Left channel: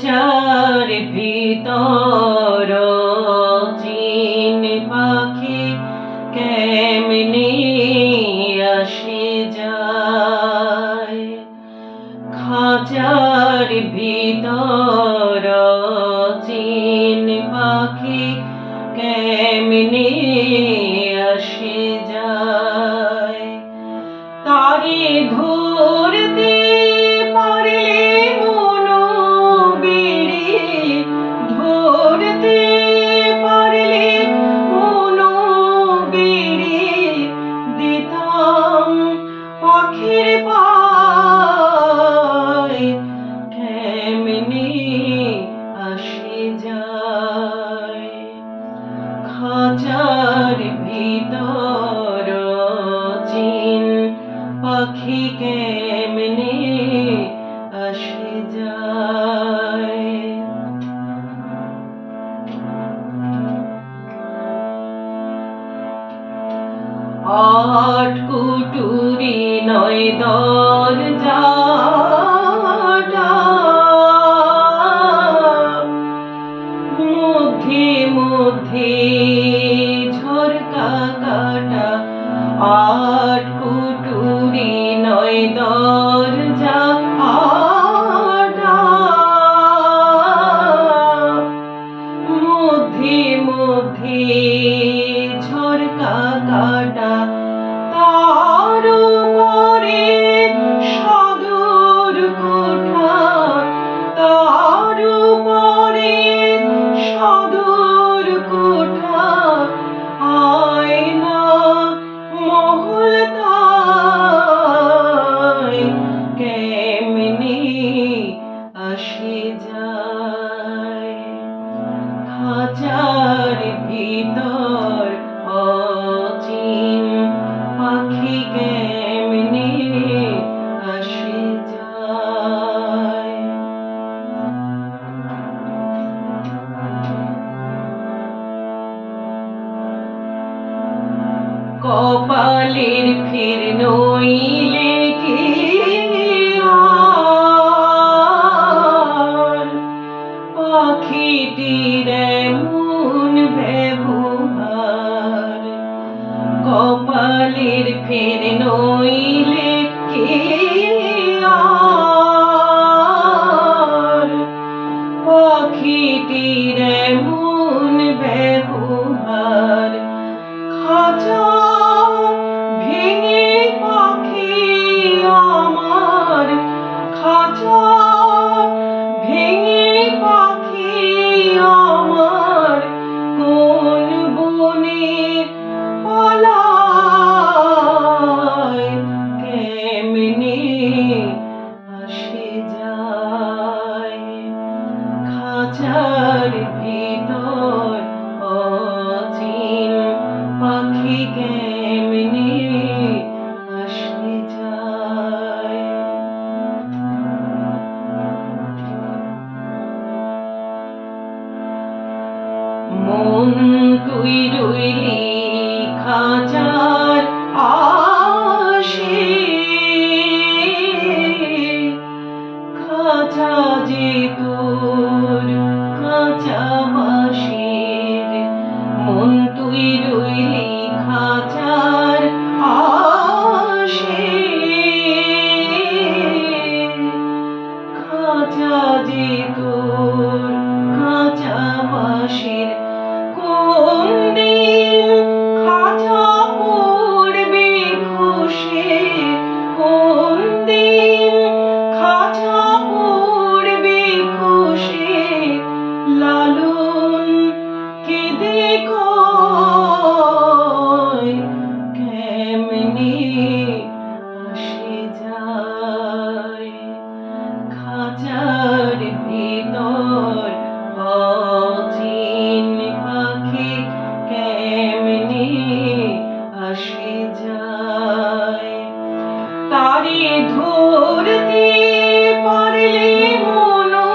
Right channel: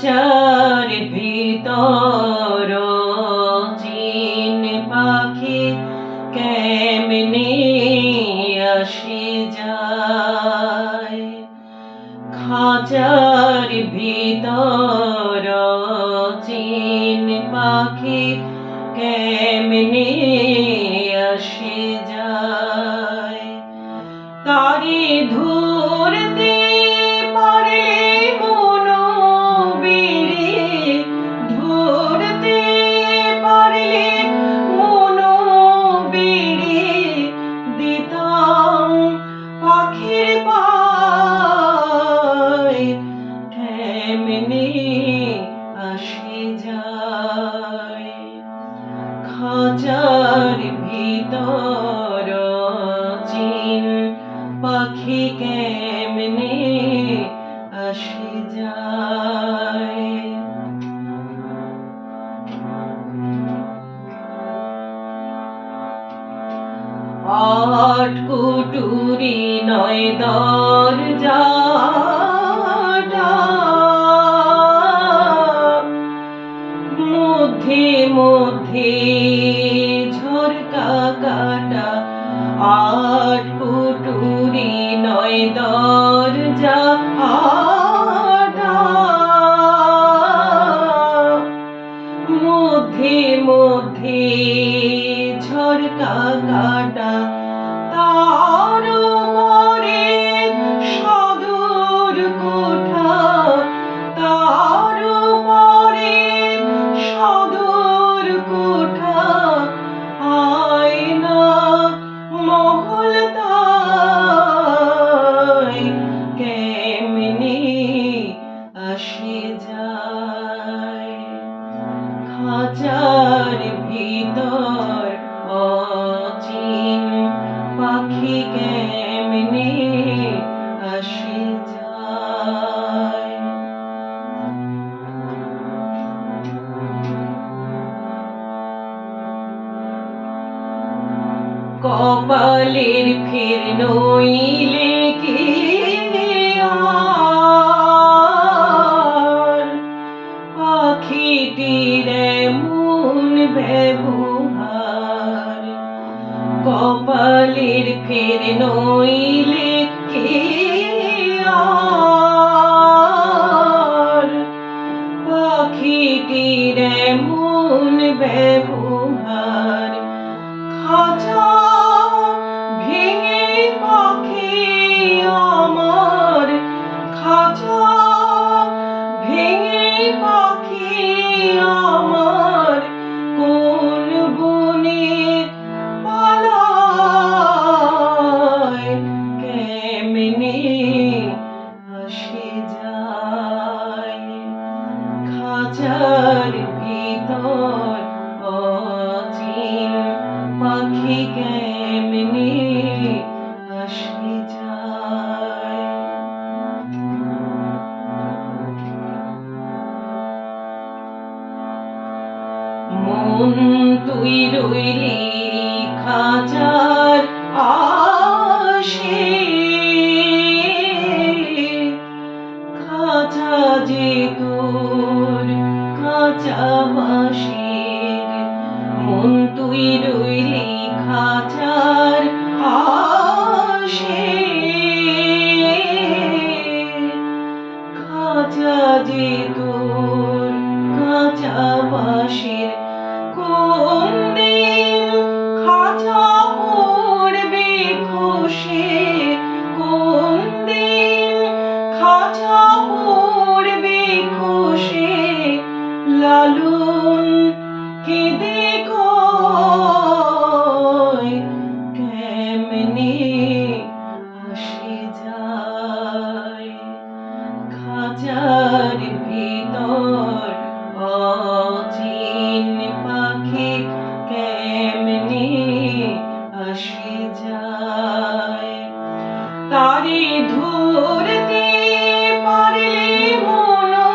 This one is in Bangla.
খাঁচার ভিতর চিন পাখি কেমনে আসে যায়। খাঁচার ভিতর চিন পাখি কেমনে আসে যায়। তারে ধরতে পারলে মনো বেড়ে, ধরতে পারলে মনো বেড়ে দিতাম পাখির পায় কেমনে আসে যায়। খাঁচার ভিতর চিন পাখি কেমনে আসে যায়। আট কুটুরি নয় দরজাটা, মধ্যে মধ্যে ঝরকা কাটা। আট কুটুরি নয় দরজা আটা, মধ্যে মধ্যে ঝরকা কাটা। তার উপরে সদর কোঠা, তার উপরে সদর কোঠা। আয়না মহল তাই কেমনে আসে যায়। খাঁচার ভিতর অচিন পাখি কেমনে আসে যায়। কপালের ফের নইলে কি আর পাখিটির এমন ব্যবহার। কপালের ফের নইলে কি আর পাখিটির এমন ব্যবহার। খাঁচা ভেঙে পাখি আমার, খাঁচা ভেঙে পাখি আমার কোন বনে পালায় কেমনে আসে যায়। খাঁচার ভিতর অচিন পাখি কেমনে আসে যায়। মন তুই রইলি খাঁচার আশে, খাঁচা যে তোর কাঁচা বাঁশের। মন তুই রইলি খাঁচার আশে, খাঁচা যে তোর কাঁচা বাঁশের। কোন দিন খাঁচা পড়বে খসে, কোন দিন খাঁচা পড়বে খসে। লালন কেঁদে কয় কেমনে আসে যায়। খাঁচার ভিতর অচিন পাখি কেমনে আসে যায়। তারে ধরতে পারলে মনো